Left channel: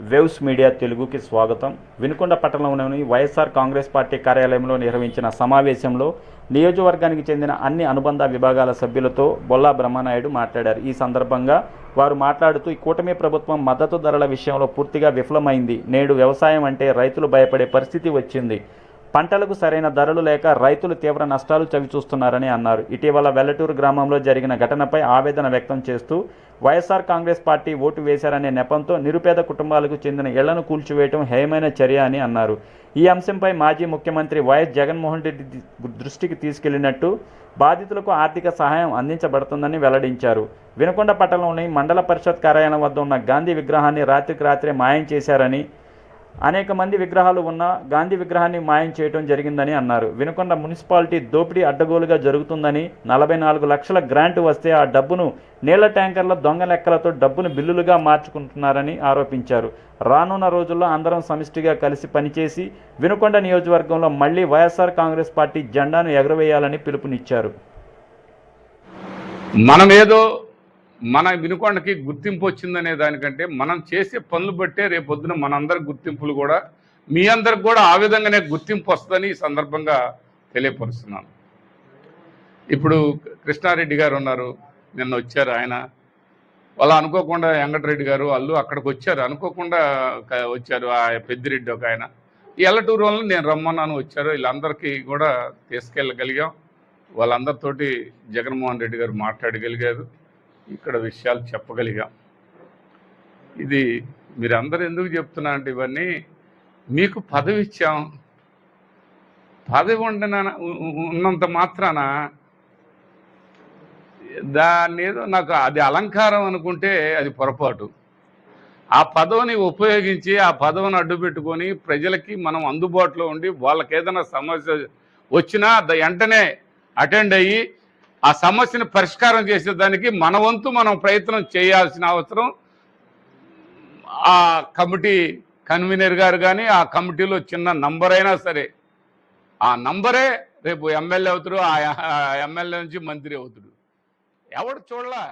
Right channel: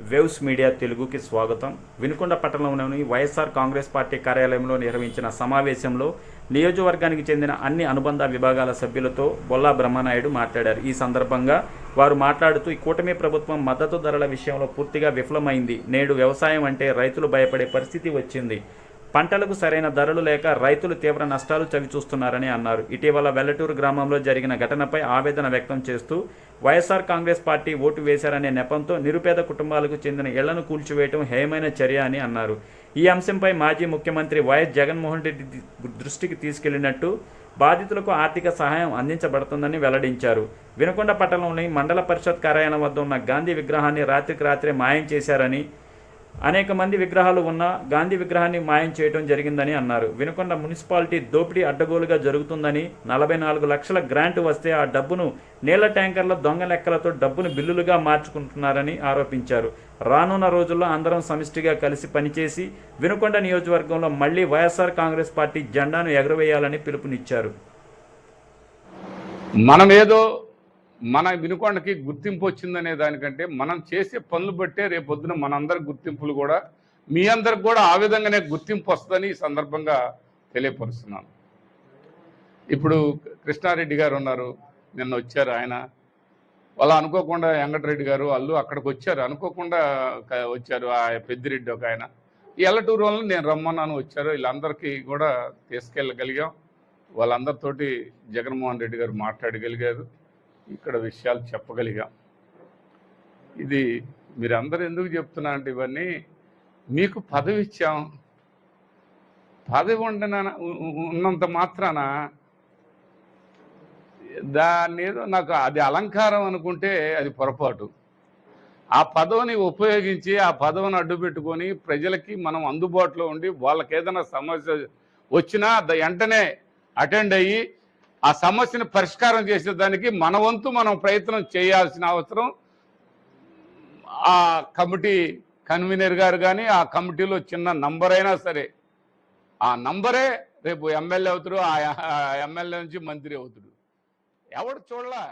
Waves media తెలుగుకి స్వాగతం. వినుకొండ పట్టణంలోని వైఎస్ఆర్ కాంగ్రెస్ పార్టీ కార్యాలయంలో నిర్వహించిన సమావేశంలో నియోజకవర్గానికి చెందిన అన్ని అనుబంధ విభాగాల సభ్యులతో బొల్లా బ్రహ్మనాయుడు మాట్లాడారు. ఈ సందర్భంగా వారు మాట్లాడుతూ ఈ కూటమి ప్రభుత్వం మద్దతు ధరల విషయంలో పూర్తిగా విఫలమైంది. నేడు వ్యవసాయం అంటే రైతులు భయపడే పరిస్థితి వచ్చింది. పంటలకు సరైన ధరలు లేక రైతులు తీవ్ర నష్టాలు చవిచూస్తున్నారని అన్నారు. ఇటీవల వెల్లటూరు గ్రామంలో జరిగిన ఘటనపై ఆవేదన వ్యక్తం చేస్తూ వైఎస్ఆర్ కాంగ్రెస్ పార్టీ ఓటు వేశారనే నెపంతో నిరుపేద కుటుంబాలకు చెందిన ఇళ్ళను కూల్చివేయడం హేయమైన చర్య అని అన్నారు. ఈ అంశంపై మాజీ ముఖ్యమంత్రి వైఎస్ జగన్మోహన్ రెడ్డి దృష్టికి తీసుకెళ్ళినట్టు బాధితులకు ఆర్థిక సహాయం అందించబడుతుందని వెల్లడించారు. వినకొండ పట్టణంలోని మండల పరిషత్ కార్యాలయం వద్ద ఉన్న గాంధీ విగ్రహాన్ని రాత్రికి రాత్రే మాయం చేశారని అనేక మంది విగ్రహాలు ఉన్న గాంధీ విగ్రహాన్ని మాయం చేయడం జరిగిందని అన్నారు. వినుకొండ మున్సిపాలిటీ దోపిడీ అడ్డగోలుగా జరుగుతుందని నలభై నాలుగు లక్షల గ్రాంట్ వస్తే ఆ డబ్బును నీళ్ళ ట్యాంకర్ల దొంగ లెక్కలతో డబ్బును బిల్లులుగా మార్చుకుంటున్నారని ఆరోపించారు. రానున్న రోజుల్లో అందరం సమిష్టిగా కలిసి పనిచేసి వినుకొండ నియోజకవర్గంలో మళ్ళీ వైఎస్ఆర్ కాంగ్రెస్ పార్టీ జెండాను ఎగురవేయాలని పిలుపునిచ్చారు. మనమేదో మన వినుకొండకి గుర్తింపు వచ్చిందనే దానికంటే మనం చేసే పనులు బట్టే రేపొద్దున మనందరి గుర్తింపులు కూడా మీ అందరికి కూడా ఆ విధంగానే గుర్తింపు వస్తుందని ఈ సందర్భంగా తెలియపరుస్తున్నాను. ఇప్పుడు కృష్ణారెడ్డి గారు ఉన్నారు నిన్న వచ్చారు ఆయన. వాళ్ళు అనుకోకుండా వెంకటరెడ్డి గారు వాళ్ళు అక్కడికి వచ్చారు. అనుకోకుండా వచ్చారు ఆ పెద్దిరెడ్డి ఒక ఆయన. ఈ ఎల్లటూరు వల్ల నేను రమ్మన్నాను వచ్చారు. వీళ్ళందరికీ కూడా తీసుకెళ్ళగలిగాం. వాళ్ళందరితోటి జగన్మోహన్ రెడ్డి గారు మాట్లాడగలిగారు. ఇక్కడ విషయాలు చెప్పగలిగా. ఇది మీరందరూ ఎందుకు చెప్తున్నా అంటే ఇవన్నీ మీకు పదవి ఇచ్చాం పదవి ఉండిన ఉన్నంత మాత్రాన దాన్ని ఏదో నాకు అది అలంకారం అనుకుంటే అది పొరపాటు. ఆ పదవిని ఉపయోగించి ఆ పదవిని అడ్డు పెట్టుకొని ప్రజలకి మనం అందుబాటులో ఉండి వాళ్ళకి ఏదైనా సమస్య వచ్చినా ద- వెంటనే అటెండ్ అయ్యి ఆ సమస్యను పరిష్కారం చేసేదానికి మన వంతు మనం ప్రయత్నం చేయాల్సిన అవసరం. ఆ కమిటీ కన్వీనర్ గారు కానీ ఆ కమిటీలో చిన్న నంబర్ అయినా సరే ఆ నంబరే రేపు ఎమ్మెల్యే అవుతాడు ఆ ఎమ్మెల్యే నుంచి మంత్రి అవుతాడు. ఎవడు చూడలా?